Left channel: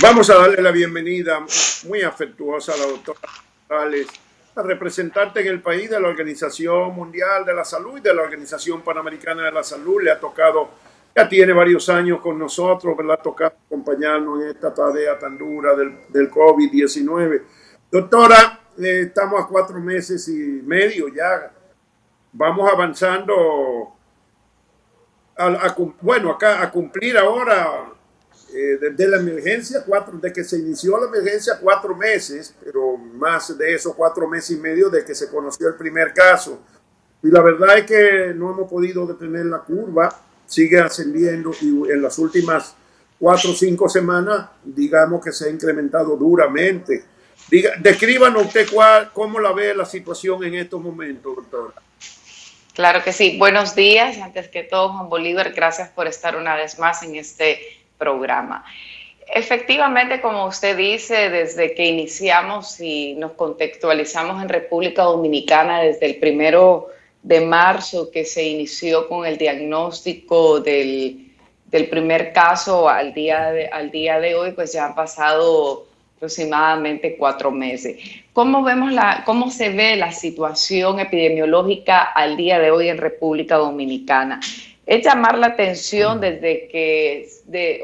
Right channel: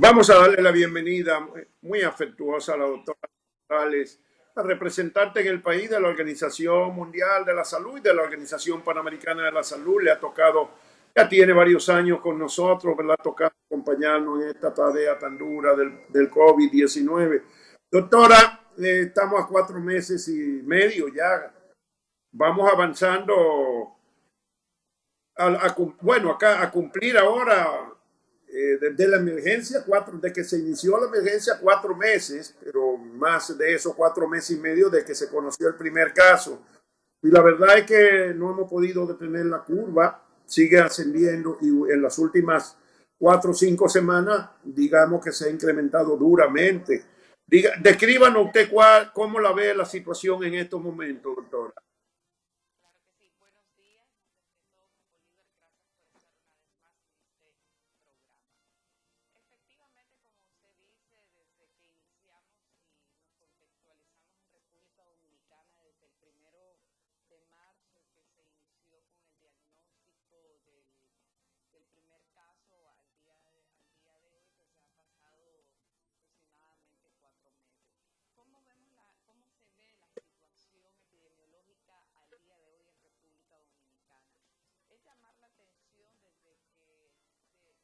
Vamos a darle la bienvenida muy afectuosa a la doctora Morales, a representante en el país de la Organización Mundial de la Salud y de la Organización Panamericana de la Salud. Le ha tocado, ya tiene varios años con nosotros, le ha tocado acompañarnos en esta tarea tan dura del COVID-19. Doctora, estamos a 4 meses y medio ya. Vamos avanzando bueno, acá a cumplir ahora desde la emergencia, desde que se inició la emergencia, 4 meses, pero más de esos 4 meses y medio de que se conoció el primer caso. Y la verdad es que no hemos podido detener la curva, sigue ascendiendo y en las últimas 4 o 5 semanas, digamos que se ha incrementado duramente. Descríbanos usted cómo la ve la situación en estos momentos, doctora. Claro que sí. Buenos días. Antes que todo, Juan Bolívar, gracias por estar una vez más en este programa. Efectivamente, como usted dice, desde que iniciamos y nos contextualizamos en República Dominicana, desde el 1 de marzo que se inició con el diagnóstico del primer caso al día de hoy, pues ya han pasado aproximadamente 4 meses. ¿Cómo se ve la situación epidemiológica al día de hoy en República Dominicana? Es llamar la atención desde que,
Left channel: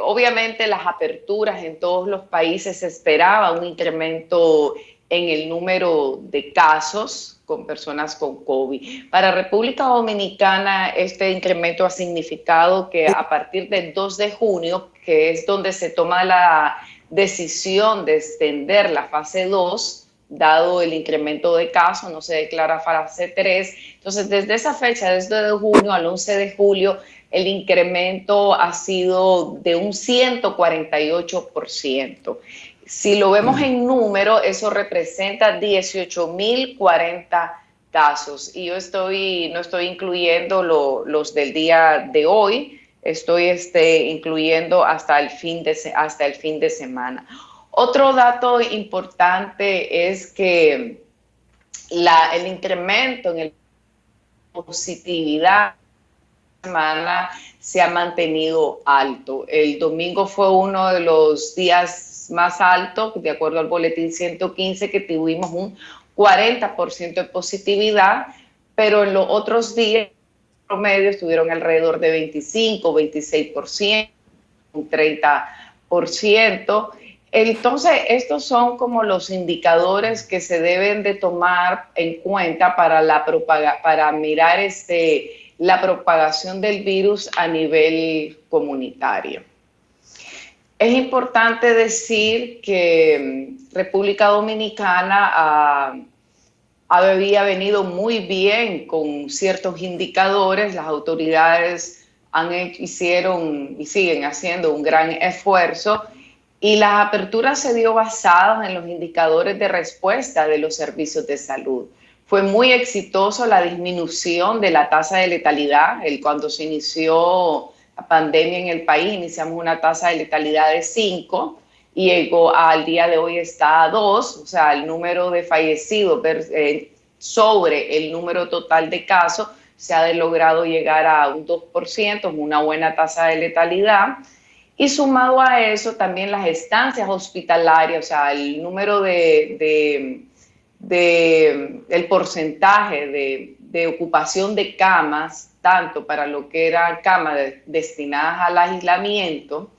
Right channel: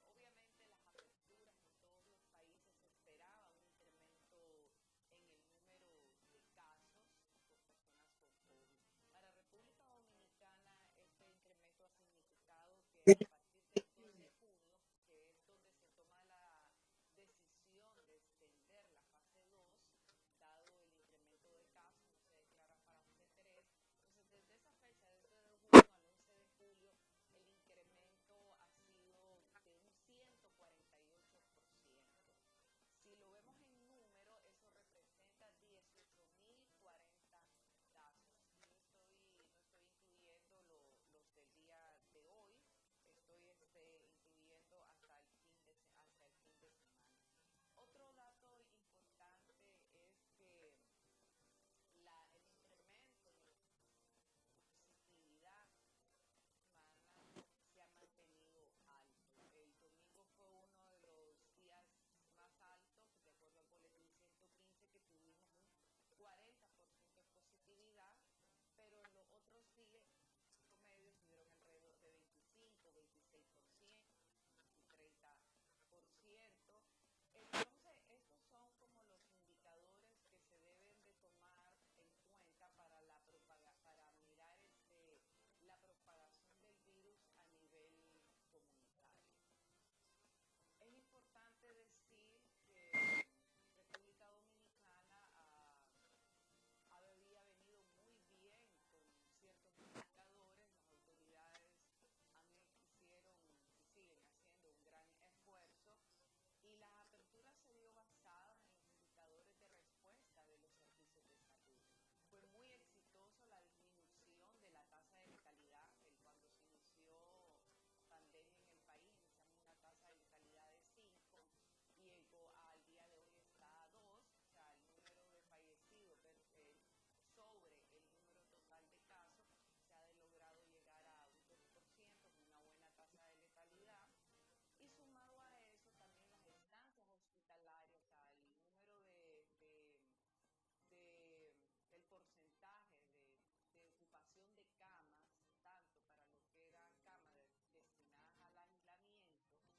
obviamente, las aperturas en todos los países se esperaba un incremento en el número de casos con personas con COVID. Para República Dominicana, este incremento ha significado que a partir del 2 de junio, que es donde se toma la decisión de extender la fase 2, dado el incremento de casos, no se declara fase 3. Entonces, desde esa fecha, desde junio al 11 de julio, el incremento ha sido de un 148%. Si lo vemos en número, eso representa 18.040 casos. Y yo no estoy incluyendo los del día de hoy, estoy incluyendo hasta el fin de semana. Otro dato importante es que el incremento en el positividad semana se ha mantenido alto. El domingo fue uno de los días más altos, de acuerdo al boletín 115, que tuvimos un 40% de positividad, pero en los otros días promedio estuvieron alrededor de 25, 26%, un 30%. Entonces, estos son como los indicadores que se deben de tomar en cuenta para mirar la propagación del virus a nivel comunitario. Es importante decir que República Dominicana había venido muy bien con ciertos indicadores. Las autoridades hicieron y siguen haciendo un gran esfuerzo, y las aperturas se dio basadas en los indicadores de respuesta de los servicios de salud. Fue muy exitoso la disminución de la tasa de letalidad. Cuando se inició la pandemia en el país, iniciamos una tasa de letalidad de 5 y llegó al día de hoy está a 2, o sea, el número de fallecidos sobre el número total de casos se ha logrado llegar a un 2%, una buena tasa de letalidad. Y sumado a eso, también las estancias hospitalarias, o sea, el número el porcentaje de ocupación de camas, tanto para lo que eran camas destinadas al aislamiento,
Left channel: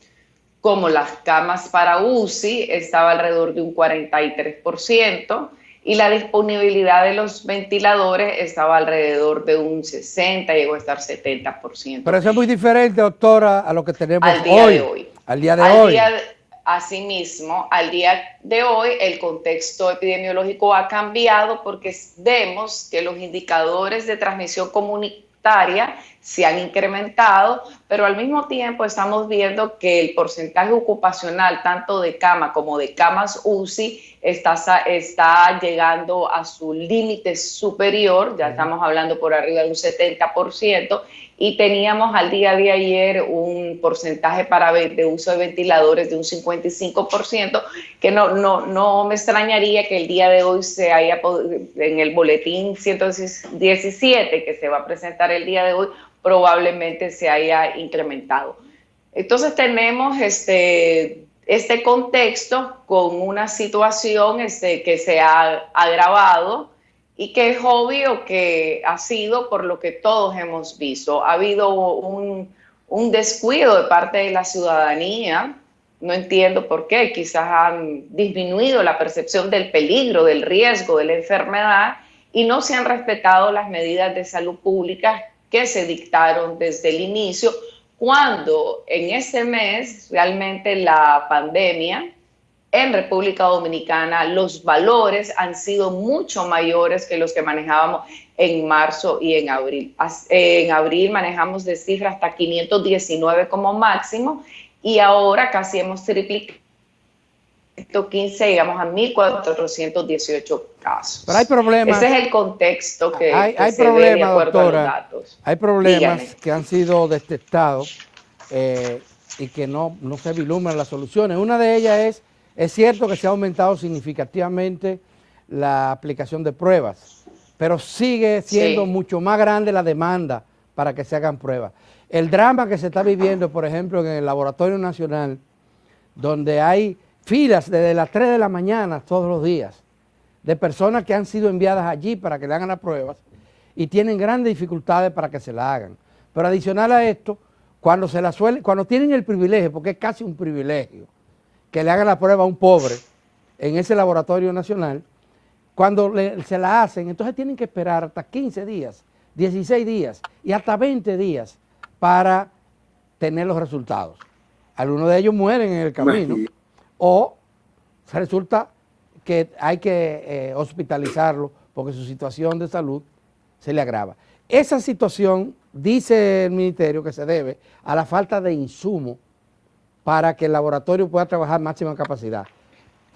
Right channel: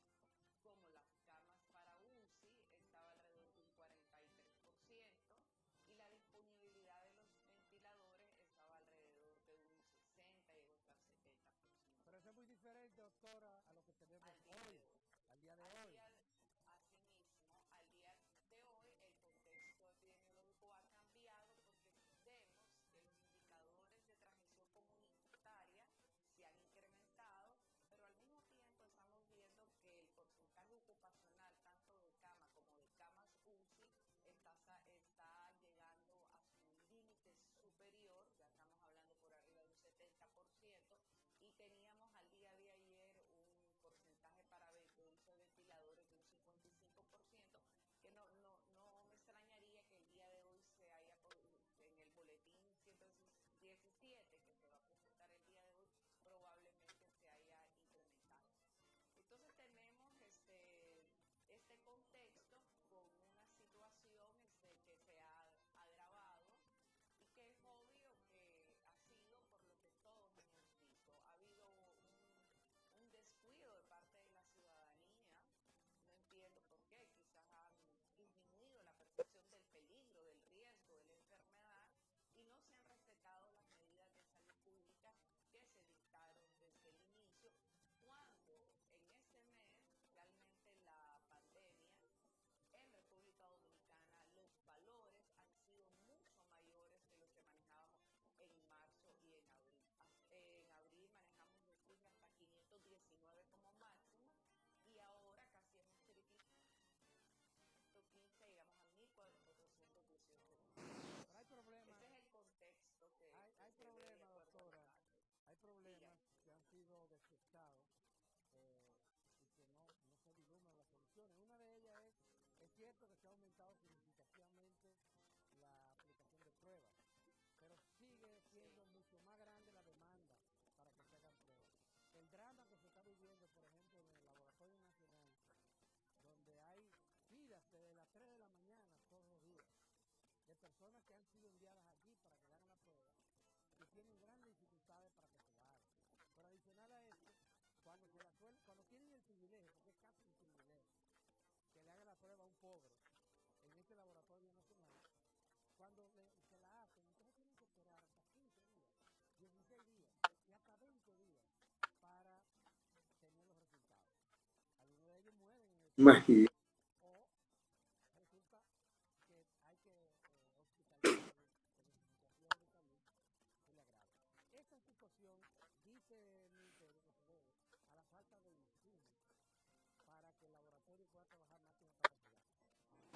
como las camas para UCI, estaba alrededor de un 43%, y la disponibilidad de los ventiladores estaba alrededor de un 60%, llegó a estar 70%. Pero eso es muy diferente, doctora, a lo que tenemos Al día de hoy, hoy. al día de Al hoy. día, Asimismo, al día de hoy, el contexto epidemiológico ha cambiado porque vemos que los indicadores de transmisión comunitaria se han incrementado, pero al mismo tiempo estamos viendo que el porcentaje ocupacional, tanto de cama como de camas UCI, está llegando a su límite superior. Ya estamos hablando por arriba de un 70%, y teníamos al día de ayer un porcentaje de uso de ventiladores de un 55%, que no me extrañaría que el día de hoy en el boletín 117 que se va a presentar el día de hoy, probablemente se haya incrementado. Entonces tenemos este contexto con una situación que se ha agravado y que es obvio que ha sido por lo que todos hemos visto. Ha habido un descuido de parte de la ciudadanía. No entiendo por qué. Quizás han disminuido la percepción del peligro, del riesgo de la enfermedad y no se han respetado las medidas de salud pública que se dictaron desde el inicio, cuando en ese mes realmente la pandemia en República Dominicana, los valores han sido mucho mayores que los que manejábamos en marzo y en abril. En abril manejamos de cifra hasta 519 como máximo y ahora casi hemos triplicado 115, llegamos a 1.418 casos. Pero hay problemas. Ese es el contexto que hay se ve de acuerdo doctora, a los datos. Hay problemas Dígame. que han sido detectados y que no se vislumbran las soluciones. Una de ellas es cierto que se ha aumentado significativamente la aplicación de pruebas, pero sigue siendo mucho más grande la demanda para que se hagan pruebas. El drama que se está viviendo, por ejemplo, en el Laboratorio Nacional, donde hay filas desde las 3 de la mañana todos los días, de personas que han sido enviadas allí para que le hagan las pruebas y tienen grandes dificultades para que se la hagan. Pero adicional a esto, cuando tienen el privilegio, porque es casi un privilegio, que le hagan la prueba a un pobre en ese laboratorio nacional, cuando se la hacen, entonces tienen que esperar hasta 15 días, 16 días y hasta 20 días para tener los resultados. Algunos de ellos mueren en el camino o resulta que hay que hospitalizarlo porque su situación de salud se le agrava. Esa situación, dice el ministerio, que se debe a la falta de insumo para que el laboratorio pueda trabajar máxima capacidad.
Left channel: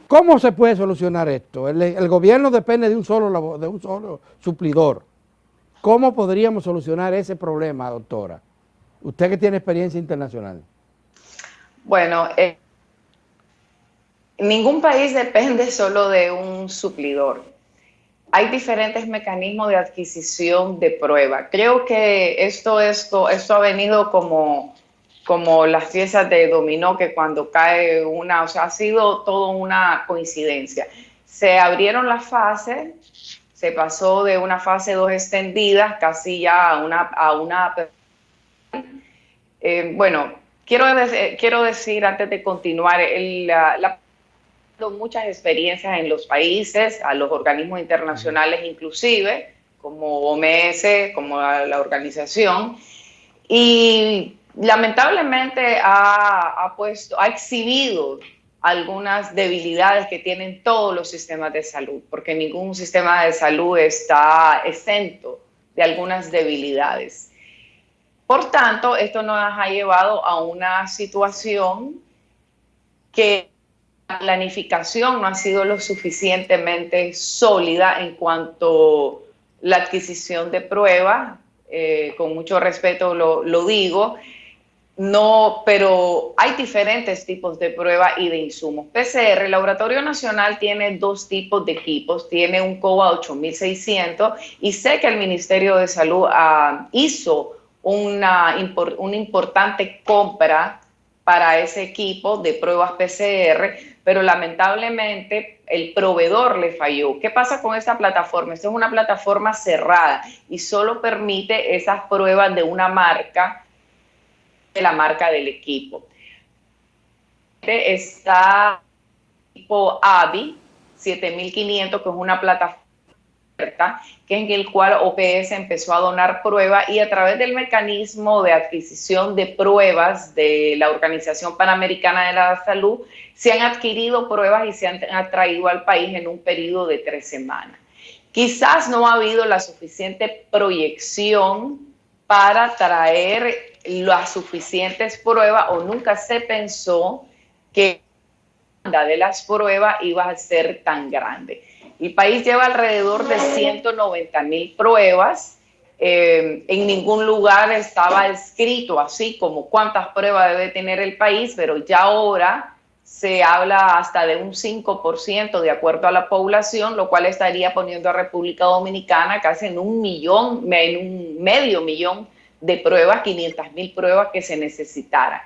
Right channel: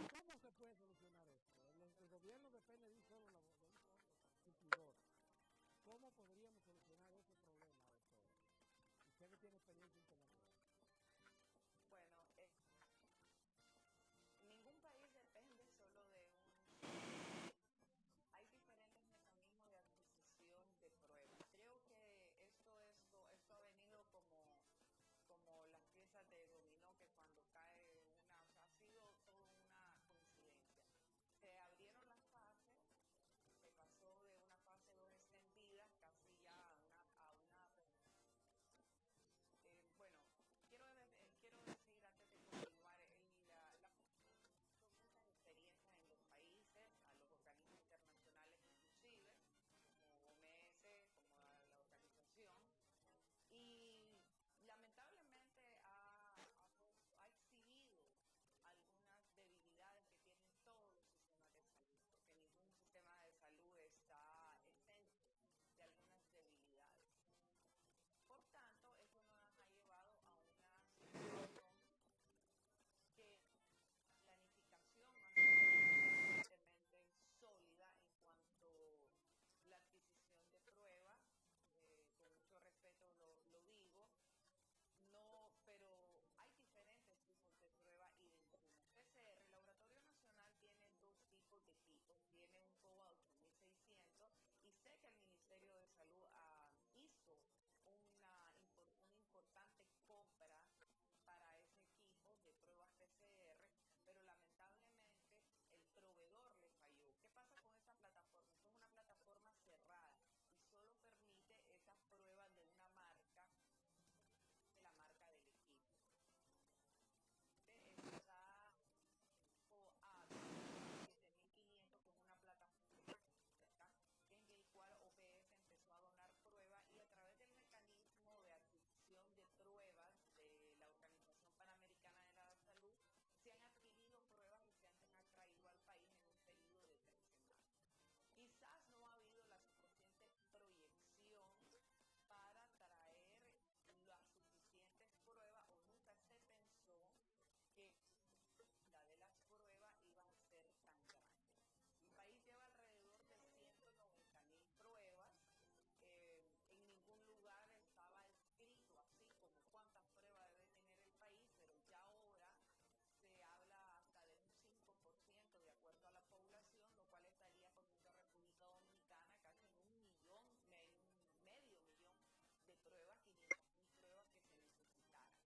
¿Cómo se puede solucionar esto? El gobierno depende de un solo suplidor. ¿Cómo podríamos solucionar ese problema, doctora? Usted que tiene experiencia internacional. Bueno, ningún país depende solo de un suplidor. Hay diferentes mecanismos de adquisición de prueba. Creo que esto ha venido como las piezas de dominó, que cuando cae una, o sea, ha sido toda una coincidencia. Se abrieron las fases, se pasó de una fase 2 extendida casi ya a una bueno, quiero decir antes de continuar, muchas experiencias en los países, a los organismos internacionales inclusive, como OMS, como la organización, y lamentablemente ha exhibido algunas debilidades que tienen todos los sistemas de salud, porque ningún sistema de salud está exento de algunas debilidades. Por tanto, esto nos ha llevado a una situación que la planificación no ha sido lo suficientemente sólida en cuanto a la adquisición de pruebas, con mucho respeto lo digo, no, pero hay diferentes tipos de pruebas y de insumos. PCR, el Laboratorio Nacional tiene dos tipos de equipos, tiene un COBA 8600 y sé que el Ministerio de Salud hizo una importante compra para ese equipo de pruebas PCR, pero lamentablemente el proveedor le falló. ¿Qué pasa con esta plataforma? Esta es una plataforma cerrada y solo permite esas pruebas de una marca, de la marca del equipo. Está el equipo AVI 7500, que es una plataforma que en el cual OPS empezó a donar pruebas y a través del mecanismo de adquisición de pruebas de la Organización Panamericana de la Salud, se han adquirido pruebas y se han traído al país en un periodo de 3 semanas. Quizás no ha habido la suficiente proyección para traer las suficientes pruebas o nunca se pensó que la demanda de las pruebas iba a ser tan grande. El país lleva alrededor de 190,000 pruebas. En ningún lugar estaba escrito así como cuántas pruebas debe tener el país, pero ya ahora se habla hasta de un 5% de acuerdo a la población, lo cual estaría poniendo a República Dominicana casi en un medio millón de pruebas, 500,000 pruebas que se necesitaran.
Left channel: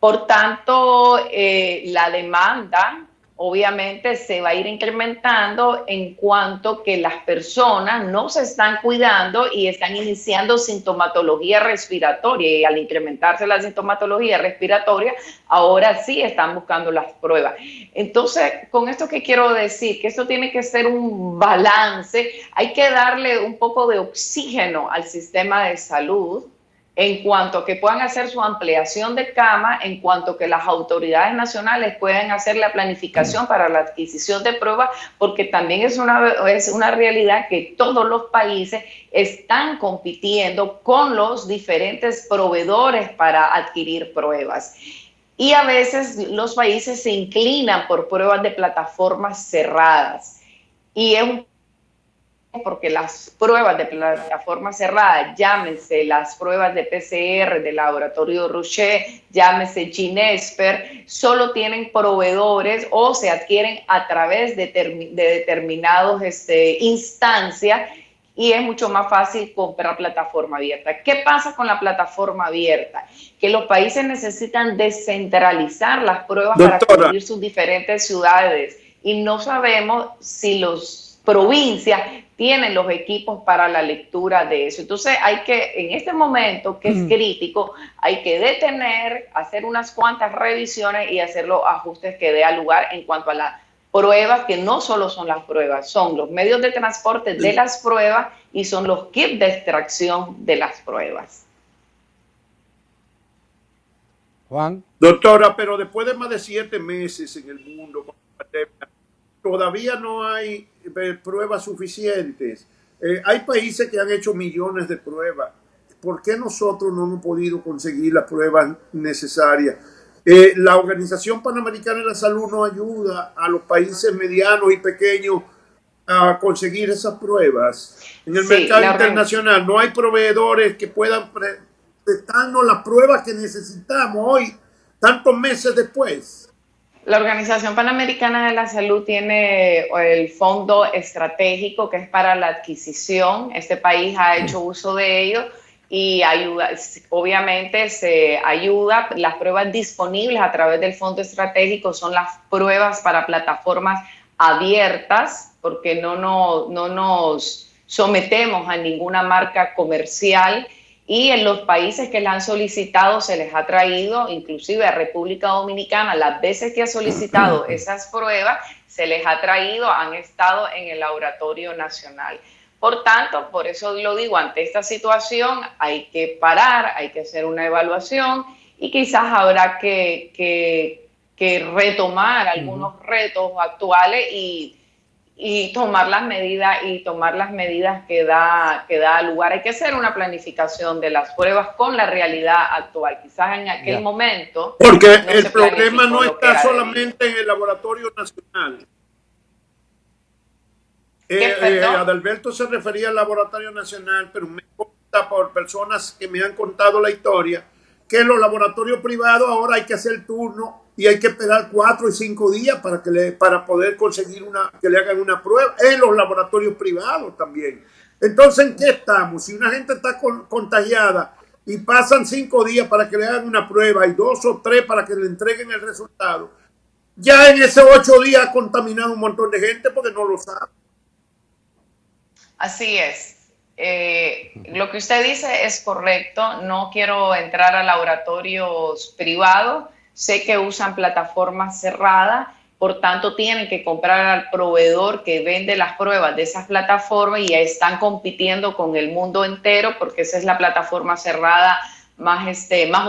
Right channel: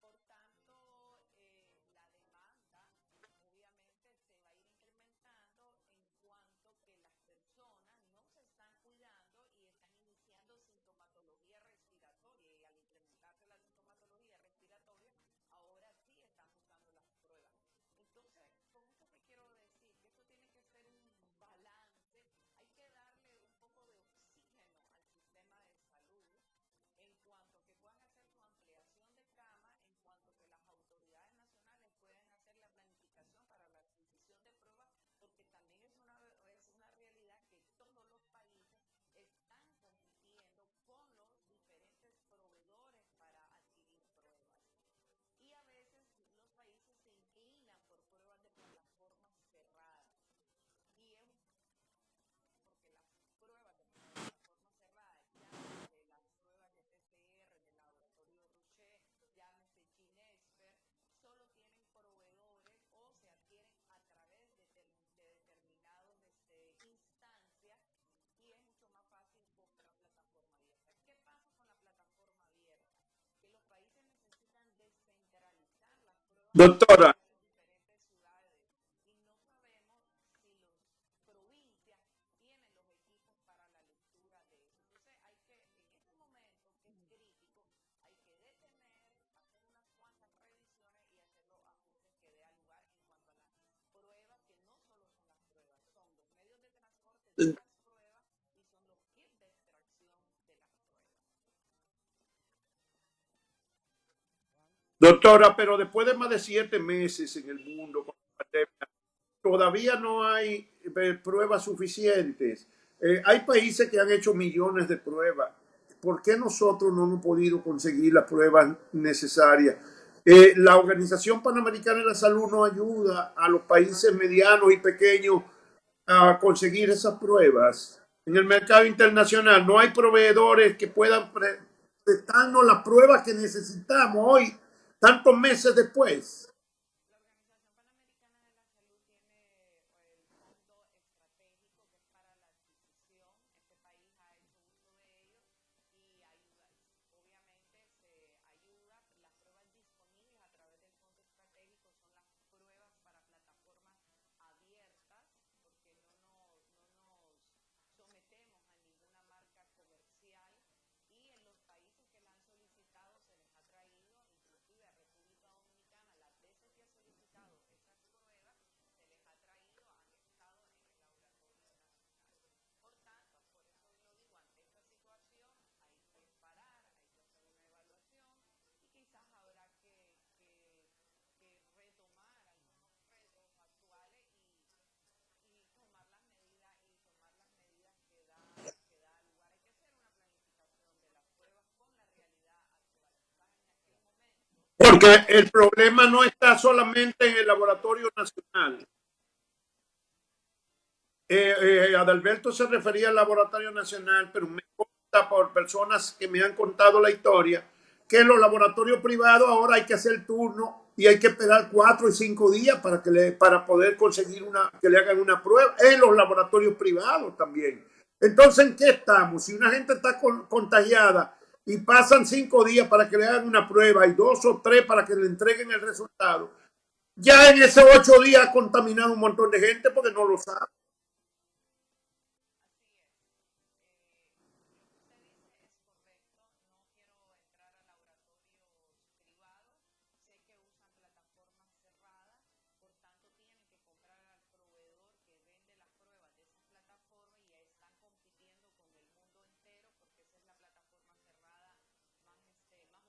Por tanto, la demanda obviamente se va a ir incrementando en cuanto que las personas no se están cuidando y están iniciando sintomatología respiratoria, y al incrementarse la sintomatología respiratoria, ahora sí están buscando las pruebas. Entonces, con esto que quiero decir, que esto tiene que ser un balance, hay que darle un poco de oxígeno al sistema de salud, en cuanto a que puedan hacer su ampliación de cama, en cuanto a que las autoridades nacionales puedan hacer la planificación para la adquisición de pruebas, porque también es una realidad que todos los países están compitiendo con los diferentes proveedores para adquirir pruebas. Y a veces los países se inclinan por pruebas de plataformas cerradas. Y es un porque las pruebas de plataforma cerrada, llámense las pruebas de PCR del laboratorio Rocher, llámese Ginesper, solo tienen proveedores o se adquieren a través de determinados instancias, y es mucho más fácil comprar plataforma abierta. ¿Qué pasa con la plataforma abierta? Que los países necesitan descentralizar las pruebas para Doctora, cubrir sus diferentes ciudades, y no sabemos si las provincias tienen los equipos para la lectura de eso. Entonces hay que, en este momento que es crítico, hay que detener, hacer unas cuantas revisiones y hacer los ajustes que dé lugar en cuanto a las pruebas, que no solo son las pruebas, son los medios de transporte de las pruebas y son los kits de extracción de las pruebas. Juan. doctora, pero después de más de 7 meses en el mundo con la pandemia, todavía no hay pruebas suficientes. Hay países que han hecho millones de pruebas. ¿Por qué nosotros no hemos podido conseguir las pruebas necesarias? La Organización Panamericana de la Salud no ayuda a los países medianos y pequeños a conseguir esas pruebas. En el mercado internacional no hay proveedores que puedan prestarnos las pruebas que necesitamos hoy, tantos meses después. La Organización Panamericana de la Salud tiene el fondo estratégico que es para la adquisición. Este país ha hecho uso de ello y ayuda, obviamente se ayuda. Las pruebas disponibles a través del fondo estratégico son las pruebas para plataformas abiertas, porque no nos sometemos a ninguna marca comercial. Y en los países que la han solicitado se les ha traído, inclusive a República Dominicana, las veces que ha solicitado esas pruebas, se les ha traído, han estado en el laboratorio nacional. Por tanto, por eso lo digo, ante esta situación hay que parar, hay que hacer una evaluación y quizás habrá que retomar algunos retos actuales y tomar las medidas que da lugar. Hay que hacer una planificación de las pruebas con la realidad actual. Quizás en aquel momento porque el problema no está solamente en el laboratorio nacional. Adalberto se refería al laboratorio nacional, pero me consta por personas que me han contado la historia que en los laboratorios privados ahora hay que hacer turno y hay que esperar 4 y 5 días para poder conseguir que le hagan una prueba en los laboratorios privados también. Entonces, ¿en qué estamos? Si una gente está contagiada y pasan 5 días para que le hagan una prueba y 2 o 3 para que le entreguen el resultado, ya en esos 8 días ha contaminado un montón de gente porque no lo sabe. Así es. Lo que usted dice es correcto. No quiero entrar a laboratorios privados. Sé que usan plataformas cerradas, por tanto tienen que comprar al proveedor que vende las pruebas de esas plataformas y están compitiendo con el mundo entero porque esa es la plataforma cerrada más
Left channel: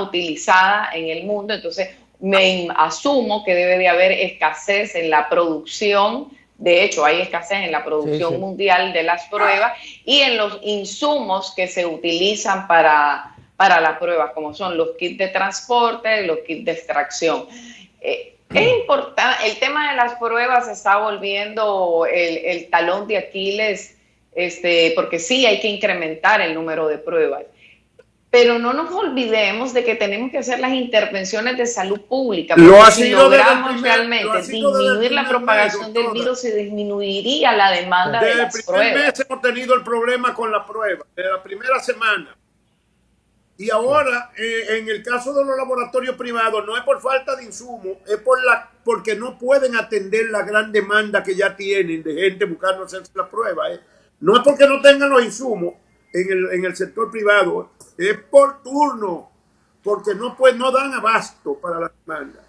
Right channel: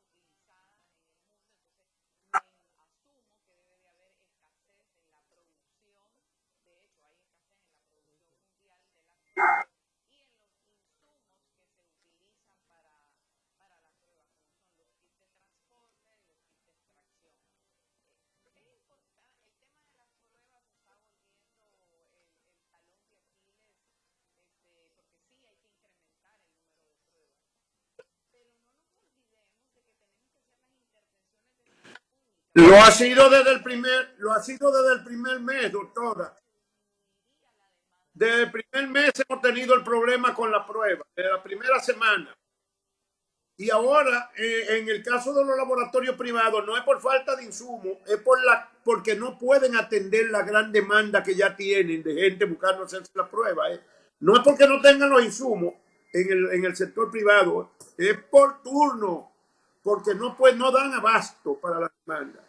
utilizada en el mundo. Entonces me asumo que debe de haber escasez en la producción. De hecho, hay escasez en la producción mundial de las pruebas y en los insumos que se utilizan para las pruebas, como son los kits de transporte, los kits de extracción. Es importante, el tema de las pruebas se está volviendo el talón de Aquiles, porque sí hay que incrementar el número de pruebas. Pero no nos olvidemos de que tenemos que hacer las intervenciones de salud pública. Lo ha sido desde el primer disminuir la propagación del virus y disminuiría la demanda de las pruebas. Desde el primer mes hemos tenido el problema con la prueba, desde la primera semana. Y Sí. ahora, en el caso de los laboratorios privados, no es por falta de insumos, es porque no pueden atender la gran demanda que ya tienen de gente buscando hacerse la prueba. No es porque no tengan los insumos en el sector privado, es por turno, porque no dan abasto para la demanda.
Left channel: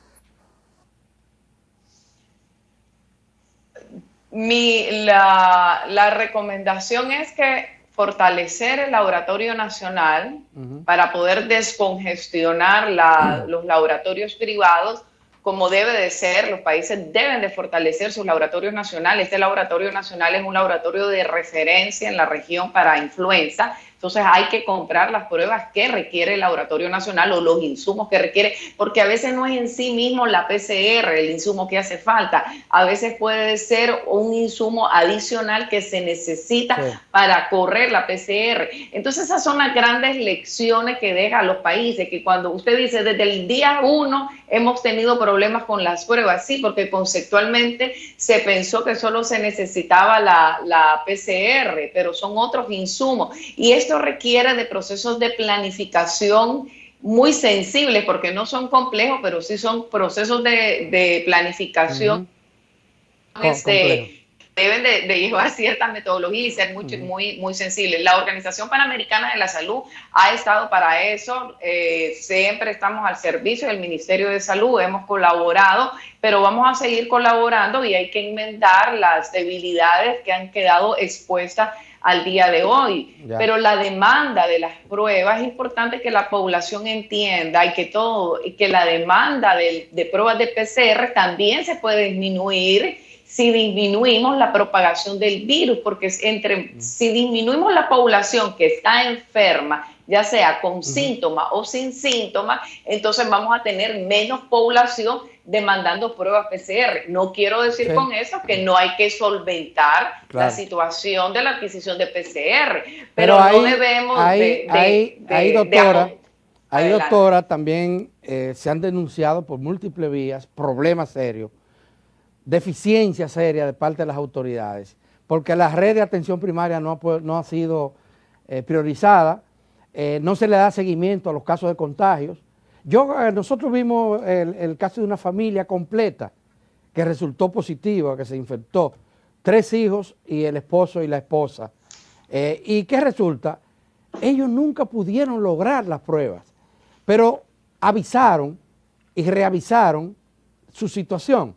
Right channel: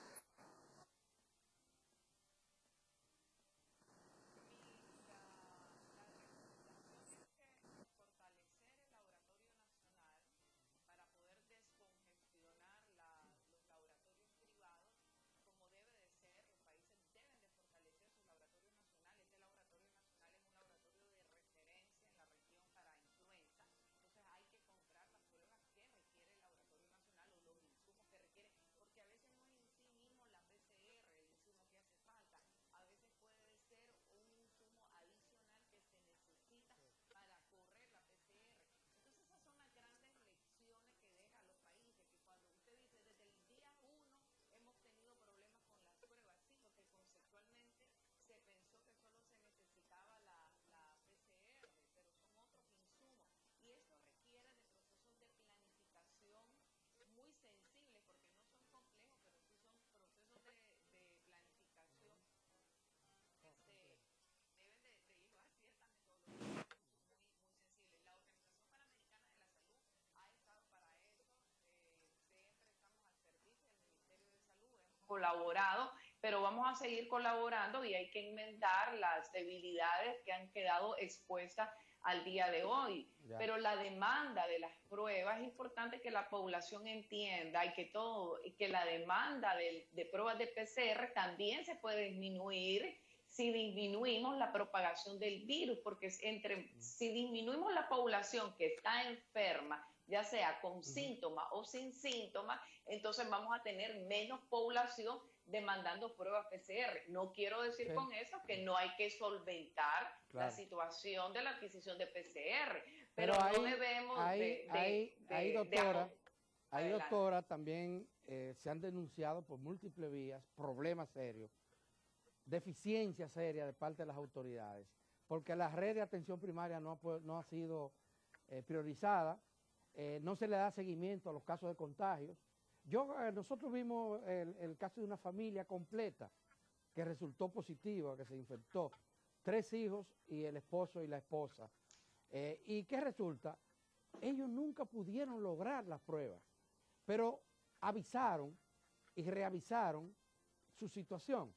La recomendación es que fortalecer el laboratorio nacional Ujú. para poder descongestionar los laboratorios privados como debe de ser. Los países deben de fortalecer sus laboratorios nacionales. Este laboratorio nacional es un laboratorio de referencia en la región para influenza. Entonces hay que comprar las pruebas que requiere el laboratorio nacional o los insumos que requiere, porque a veces no es en sí mismo la PCR el insumo que hace falta, a veces puede ser un insumo adicional que se necesita Sí. para correr la PCR. Entonces esas son las grandes lecciones que deja a los países, que cuando usted dice desde el día 1 hemos tenido problemas con las pruebas, sí, porque conceptualmente se pensó que solo se necesitaba la PCR, pero son otros insumos. Y esto requiere de procesos de planificación muy sensibles, porque no son complejos, pero sí son procesos de planificación Ujú. Complejo. deben de llevar cierta metodología y ser Ujú. muy sensibles. La Organización Panamericana de la Salud ha estado para eso, siempre estamos al servicio del Ministerio de Salud, hemos colaborado, pero vamos a seguir colaborando y hay que enmendar las debilidades que han quedado expuestas al día de hoy. Ya. Pero la demanda de las pruebas, es importante que la población entienda y que la demanda de pruebas de PCR también se puede disminuir si disminuimos la propagación del virus, porque si disminuimos la población que está enferma, ya sea con Ujú. síntomas o sin síntomas, entonces vamos a tener menos población demandando pruebas PCR. No quiero decir Sí. con eso que no hay que solventar la Claro. situación de la adquisición de PCR, Pero pero no debemos doctora, adelante. también se han denunciado por múltiples vías problemas serios, deficiencia seria de parte de las autoridades, porque la red de atención primaria no ha sido priorizada, no se le da seguimiento a los casos de contagios. Nosotros vimos el caso de una familia completa que resultó positiva, que se infectó, 3 hijos y el esposo y la esposa. ¿Y qué resulta? Ellos nunca pudieron lograr las pruebas, pero avisaron y reavisaron su situación.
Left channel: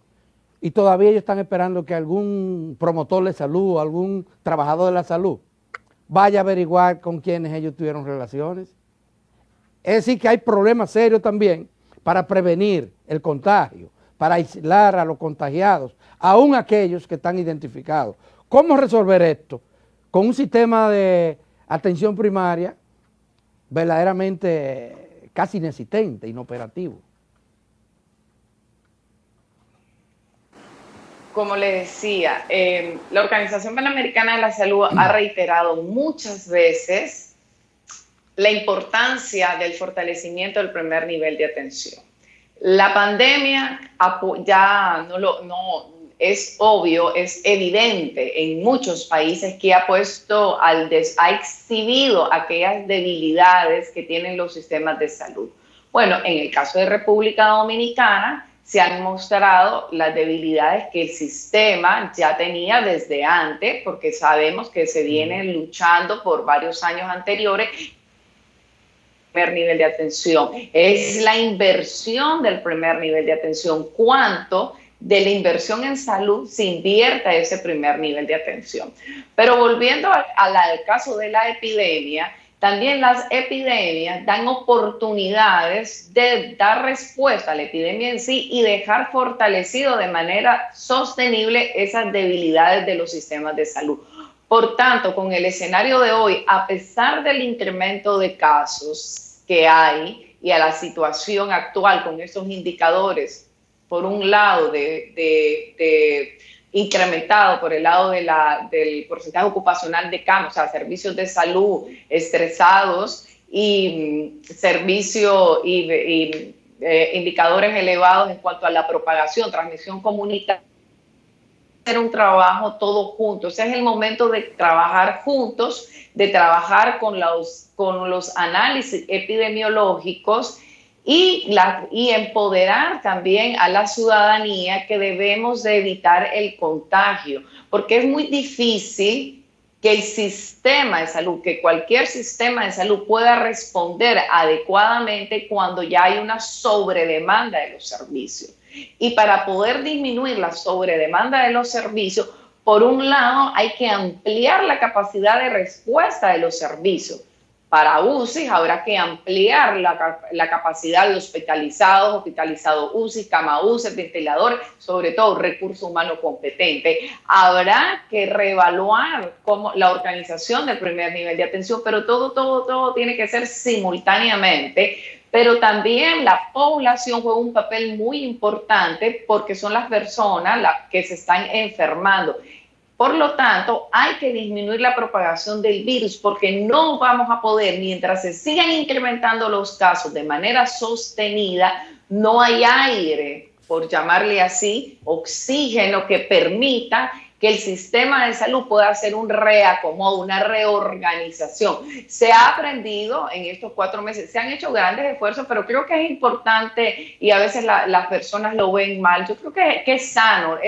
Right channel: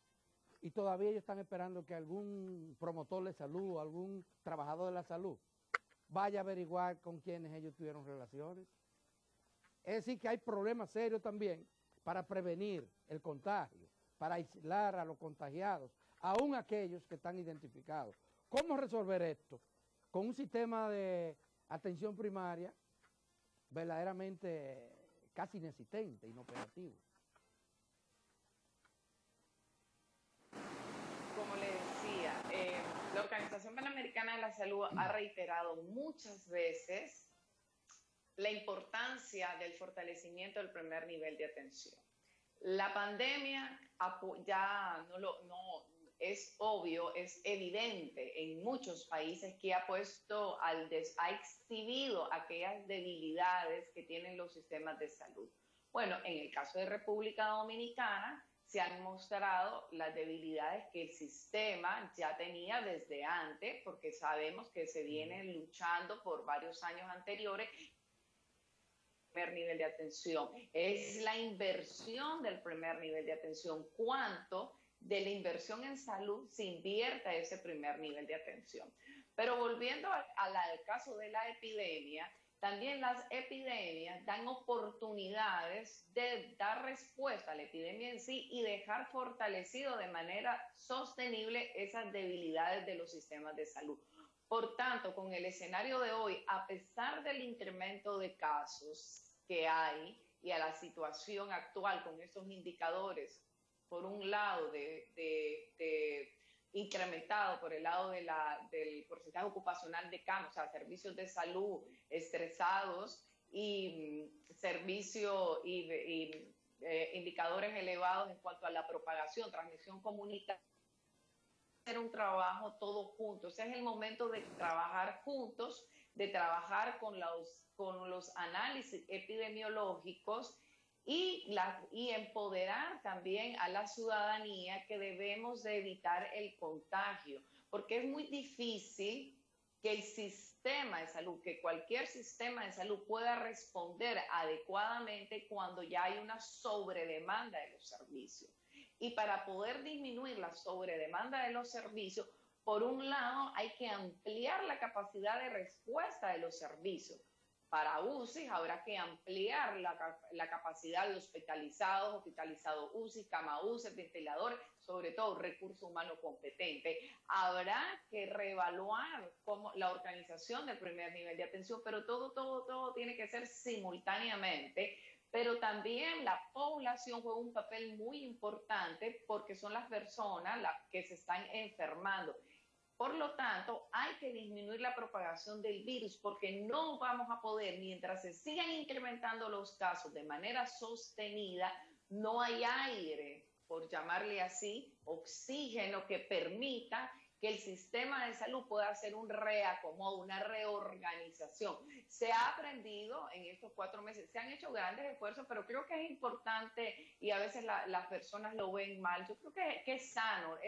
Y todavía ellos están esperando que algún promotor de salud, algún trabajador de la salud, vaya a averiguar con quienes ellos tuvieron relaciones. Es decir, que hay problemas serios también para prevenir el contagio, para aislar a los contagiados, aún aquellos que están identificados. ¿Cómo resolver esto? Con un sistema de atención primaria verdaderamente casi inexistente, inoperativo. Como le decía, la Organización Panamericana de la Salud ha reiterado muchas veces la importancia del fortalecimiento del primer nivel de atención. La pandemia ya no es obvio, es evidente en muchos países que ha ha exhibido aquellas debilidades que tienen los sistemas de salud. Bueno, en el caso de República Dominicana se han mostrado las debilidades que el sistema ya tenía desde antes, porque sabemos que se viene luchando por varios años anteriores primer nivel de atención, es la inversión del primer nivel de atención, cuánto de la inversión en salud se invierte a ese primer nivel de atención. Pero volviendo al caso de la epidemia, también las epidemias dan oportunidades de dar respuesta a la epidemia en sí y dejar fortalecido de manera sostenible esas debilidades de los sistemas de salud. Por tanto, con el escenario de hoy, a pesar del incremento de casos que hay y a la situación actual con estos indicadores, por un lado, incrementado por el lado del porcentaje ocupacional de camas, o sea, servicios de salud estresados y indicadores elevados en cuanto a la propagación, transmisión comunitaria, hacer un trabajo todos juntos. Es el momento de trabajar juntos, de trabajar con los análisis epidemiológicos y empoderar también a la ciudadanía que debemos de evitar el contagio, porque es muy difícil que el sistema de salud, que cualquier sistema de salud pueda responder adecuadamente cuando ya hay una sobredemanda de los servicios. Y para poder disminuir la sobredemanda de los servicios, por un lado hay que ampliar la capacidad de respuesta de los servicios. Para UCI habrá que ampliar la capacidad de hospitalizados UCI, cama UCI, ventiladores, sobre todo recurso humano competente. Habrá que reevaluar la organización del primer nivel de atención, pero todo tiene que ser simultáneamente. Pero también la población juega un papel muy importante porque son las personas que se están enfermando. Por lo tanto, hay que disminuir la propagación del virus porque no vamos a poder, mientras se sigan incrementando los casos de manera sostenida, no hay aire, por llamarle así, oxígeno que permita que el sistema de salud pueda hacer un reacomodo, una reorganización. Se ha aprendido en estos 4 meses, se han hecho grandes esfuerzos, pero creo que es importante y a veces las personas lo ven mal. Yo creo que es sano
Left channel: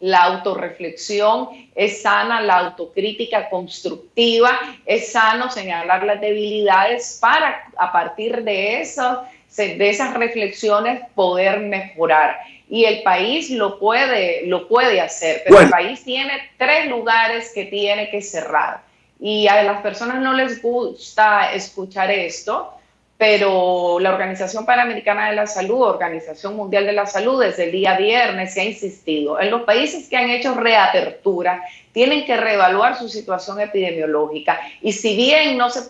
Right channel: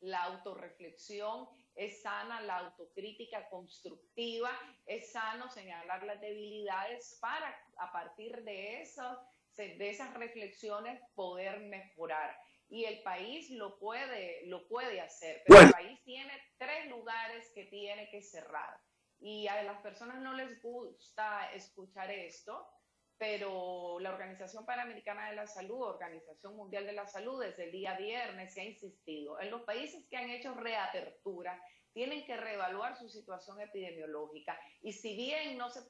la autorreflexión, es sana la autocrítica constructiva, es sano señalar las debilidades para a partir de esas reflexiones poder mejorar. Y el país lo puede hacer, pero bueno, el país tiene 3 lugares que tiene que cerrar. Y a las personas no les gusta escuchar esto, pero la Organización Panamericana de la Salud, Organización Mundial de la Salud, desde el día viernes se ha insistido. En los países que han hecho reapertura, tienen que reevaluar su situación epidemiológica. Y si bien no se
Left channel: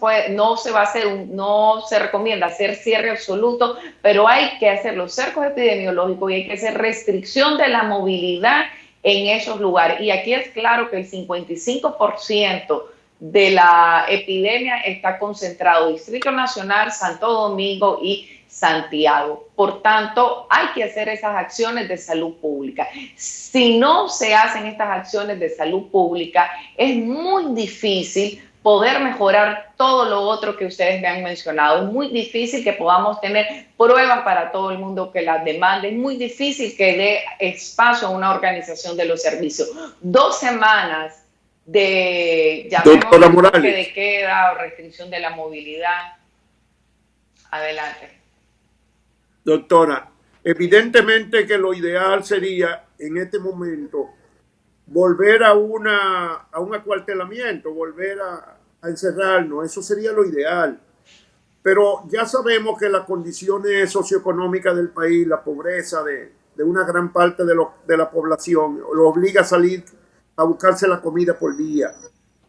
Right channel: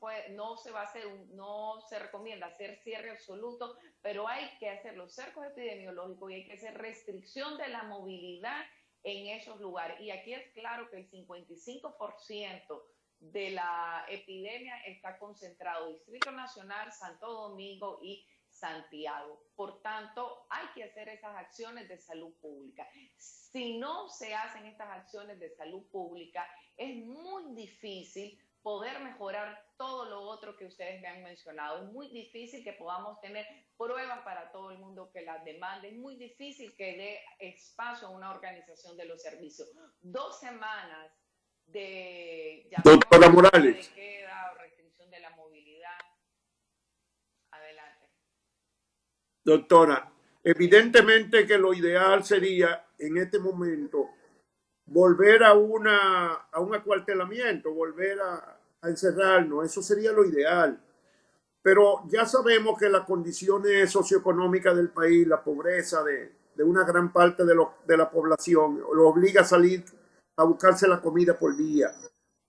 recomienda hacer cierre absoluto, pero hay que hacer los cercos epidemiológicos y hay que hacer restricción de la movilidad en esos lugares. Y aquí es claro que el 55% de la epidemia está concentrado en Distrito Nacional, Santo Domingo y Santiago. Por tanto, hay que hacer esas acciones de salud pública. Si no se hacen estas acciones de salud pública, es muy difícil poder mejorar todo lo otro que ustedes me han mencionado. Es muy difícil que podamos tener pruebas para todo el mundo que las demande. Es muy difícil que dé espacio a una organización de los servicios. 2 semanas de Doctora Morales, de queda o restricción de la movilidad. Adelante. Doctora, evidentemente que lo ideal sería en este momento volver a un acuartelamiento, volver a encerrarnos, eso sería lo ideal. Pero ya sabemos que las condiciones socioeconómicas del país, la pobreza de una gran parte de la población, lo obliga a salir a buscarse la comida por día.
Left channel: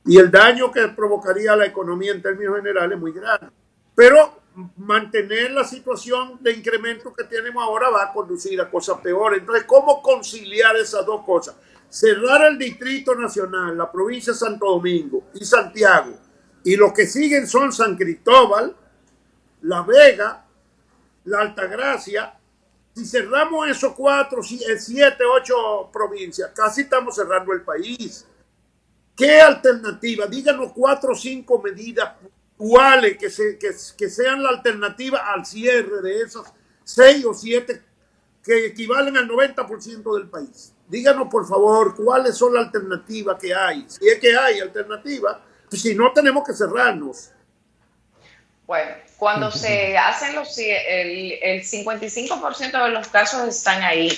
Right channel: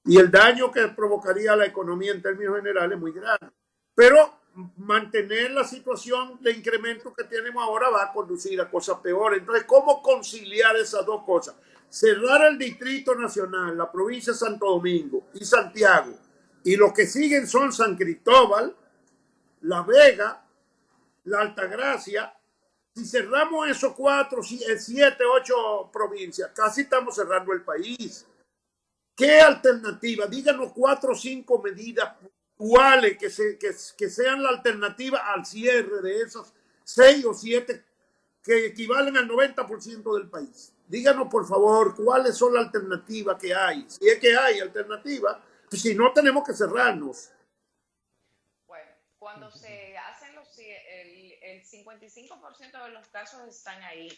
Y el daño que provocaría a la economía en términos generales es muy grande. Pero mantener la situación de incremento que tenemos ahora va a conducir a cosas peores. Entonces, ¿cómo conciliar esas dos cosas? Cerrar el Distrito Nacional, la provincia de Santo Domingo y Santiago, y los que siguen son San Cristóbal, La Vega, La Altagracia. Si cerramos esos 4, 7, 8 provincias, casi estamos cerrando el país. ¿Qué alternativa? Díganos 4 o 5 medidas puntuales que sean la alternativa al cierre de esas 6 o 7 que equivalen al 90% del país. Díganos, por favor, cuáles son las alternativas que hay. Si es que hay alternativas, pues si no, tenemos que cerrarnos. Bueno, cuando se hacen el 55% de los casos están ahí,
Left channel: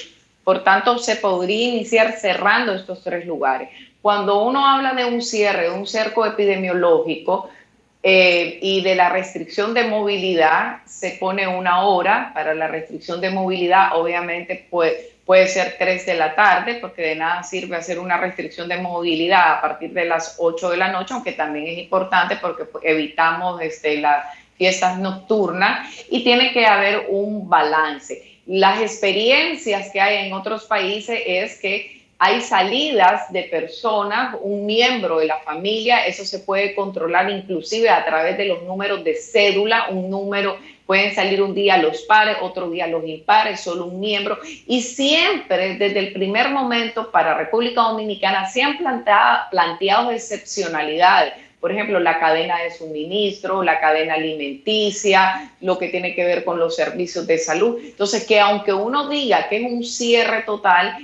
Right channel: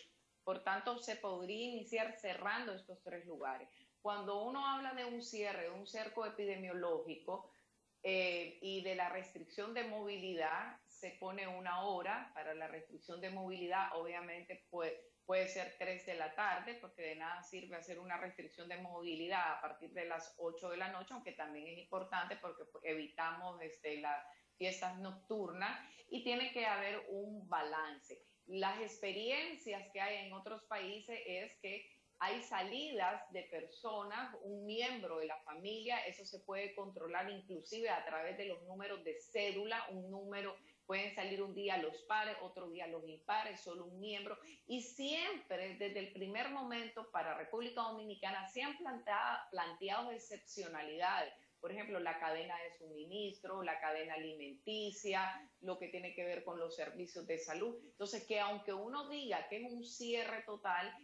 por tanto se podría iniciar cerrando estos 3 lugares. Cuando uno habla de un cierre, de un cerco epidemiológico y de la restricción de movilidad, se pone una hora para la restricción de movilidad, obviamente puede ser 3 de la tarde, porque de nada sirve hacer una restricción de movilidad a partir de las 8 de la noche, aunque también es importante porque evitamos las fiestas nocturnas, y tiene que haber un balance. Las experiencias que hay en otros países es que hay salidas de personas, un miembro de la familia, eso se puede controlar inclusive a través de los números de cédula, un número, pueden salir un día los pares, otro día los impares, solo un miembro, y siempre desde el primer momento para República Dominicana se han planteado excepcionalidades. Por ejemplo, la cadena de suministro, la cadena alimenticia, lo que tiene que ver con los servicios de salud. Entonces, que aunque uno diga que es un cierre total,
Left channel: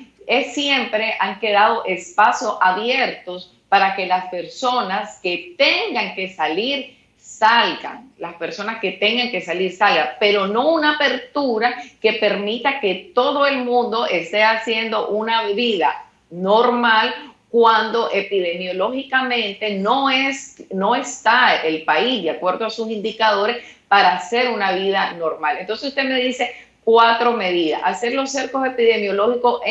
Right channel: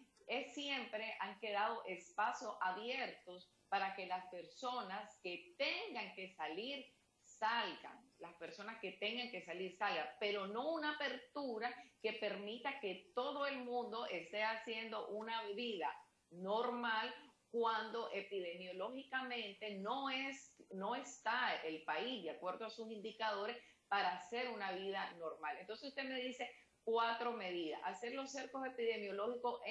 siempre han quedado espacios abiertos para que las personas que tengan que salir salgan, las personas que tengan que salir salgan, pero no una apertura que permita que todo el mundo esté haciendo una vida normal cuando epidemiológicamente no está el país de acuerdo a sus indicadores para hacer una vida normal. Entonces usted me dice 4 medidas: hacer los cercos epidemiológicos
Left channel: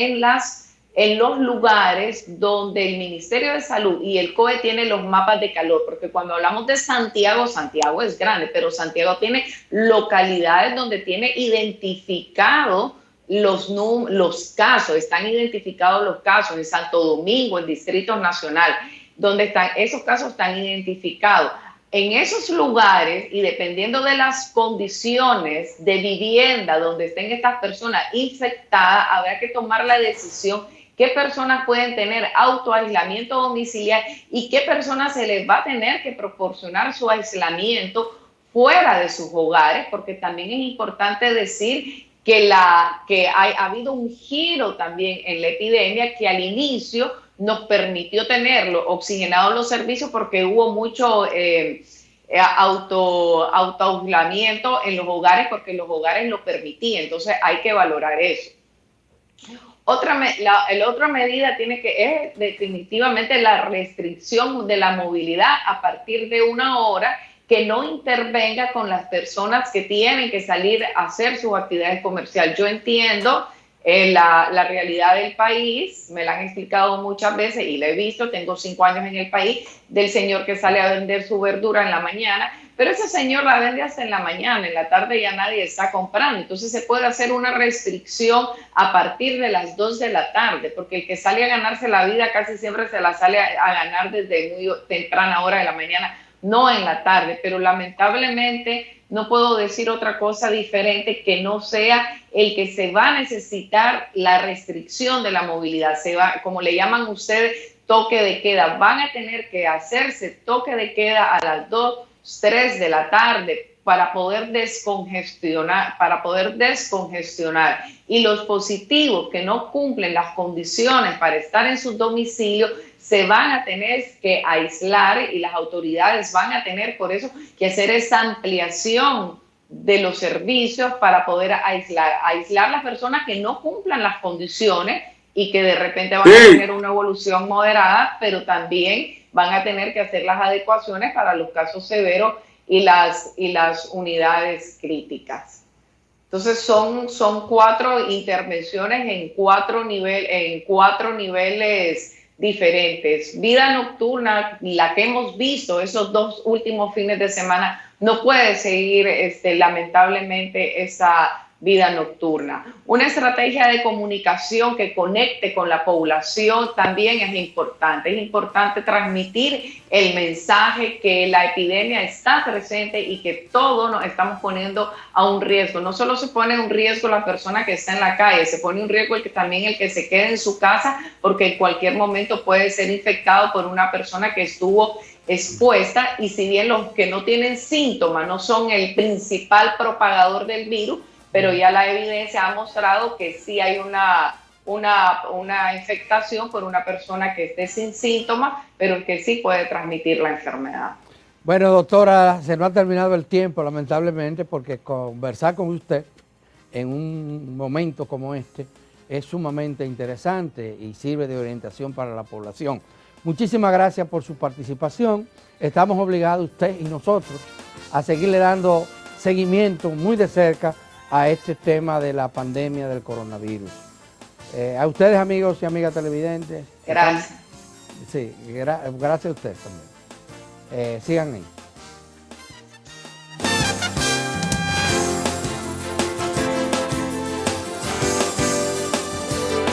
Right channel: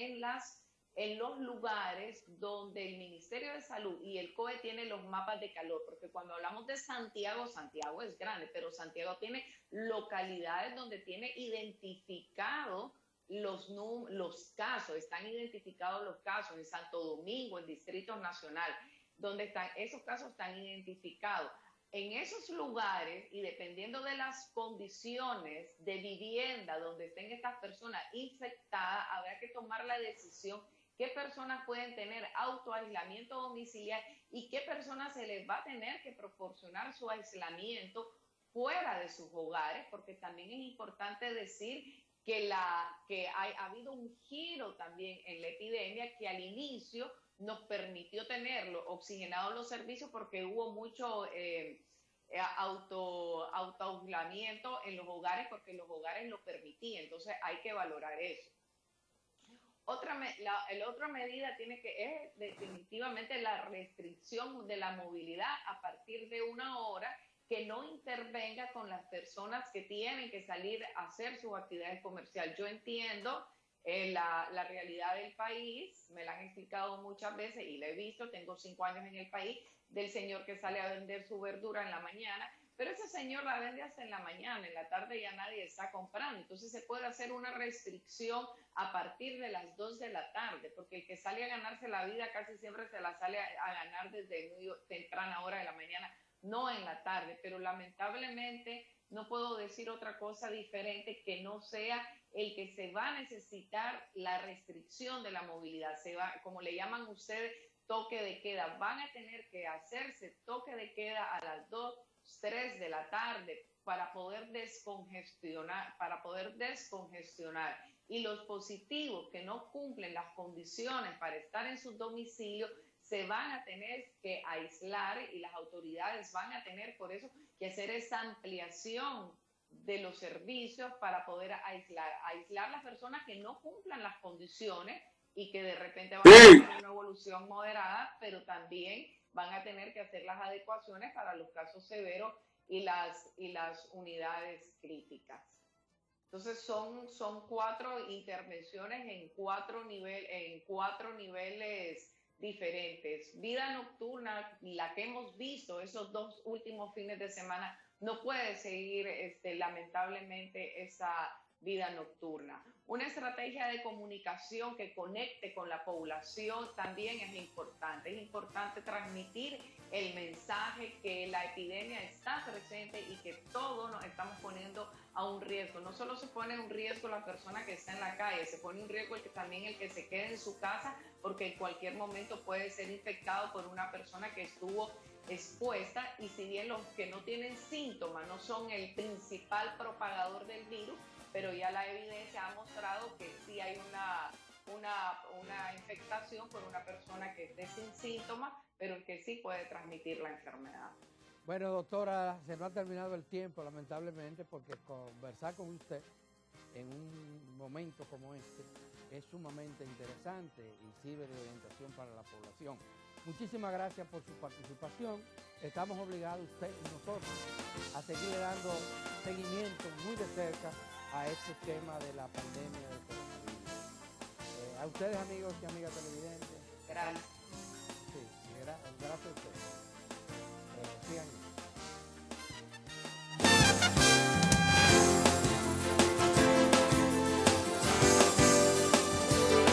en los lugares donde el Ministerio de Salud y el COE tienen los mapas de calor, porque cuando hablamos de Santiago, Santiago es grande, pero Santiago tiene localidades donde tiene identificado los casos, están identificados los casos en Santo Domingo, en Distrito Nacional, donde esos casos están identificados. En esos lugares, y dependiendo de las condiciones de vivienda donde estén estas personas infectadas, habrá que tomar la decisión qué personas pueden tener autoaislamiento domiciliario y qué personas se les va a tener que proporcionar su aislamiento fuera de sus hogares, porque también es importante decir que ha habido un giro también en la epidemia que al inicio nos permitió tenerlo oxigenados los servicios porque hubo mucho autoaislamiento en los hogares porque los hogares lo permitían. Entonces hay que valorar eso. La otra medida es definitivamente la restricción de la movilidad a partir de una hora que no intervenga con las personas que tienen que salir a hacer sus actividades comerciales. Yo entiendo la realidad del país, me la han explicado muchas veces y la he visto, tengo 5 años en el país, del señor que sale a vender su verdura en la mañana, pero ese señor la vende hasta en la mañana, en la tarde ya nadie está comprando. Entonces se puede hacer una restricción a partir de las 2 de la tarde, porque el que sale a ganarse la vida casi siempre se la sale a ganar desde muy temprana hora de la mañana, no en la tarde, pero lamentablemente no puedo decir otra cosa diferente que no sea el que se va a necesitar la restricción de la movilidad. Como le llaman ustedes, toque de queda. Van a tener que hacerse toque de queda a las 2, 3 de la tarde para poder descongestionar, y los positivos que no cumplen las condiciones para estar en sus domicilios se van a tener que aislar y las autoridades van a tener por eso que hacer esa ampliación de los servicios para poder aislar las personas que no cumplan las condiciones y que de repente van a tener una evolución moderada, pero también van a tener que hacer las adecuaciones para los casos severos y las unidades críticas. Entonces son 4 intervenciones en 4 niveles diferentes. Vida nocturna, la que hemos visto esos 2 últimos fines de semana, no puede seguir lamentablemente esa vida nocturna. Una estrategia de comunicación que conecte con la población también es importante. Es importante transmitir el mensaje que la epidemia está presente y que todos nos estamos poniendo a un riesgo. No solo se pone un riesgo la persona que está en la calle, se pone un riesgo también el que se quede en su casa, porque en cualquier momento puede ser infectado por una persona que estuvo expuesta, y si bien los que no tienen síntomas no son el principal propagador del virus, pero ya la evidencia ha mostrado que sí hay una infectación por una persona que esté sin síntomas, pero que sí puede transmitir la enfermedad. Bueno, doctora, se nos ha terminado el tiempo, lamentablemente, porque conversar con usted en un momento como este es sumamente interesante y sirve de orientación para la población. Muchísimas gracias por su participación. Estamos obligados, usted y nosotros, a seguirle dando seguimiento muy de cerca a este tema de la pandemia del coronavirus. A ustedes, amigos y amigas televidentes. Gracias. Sí, gracias a ustedes también. Sigan ahí.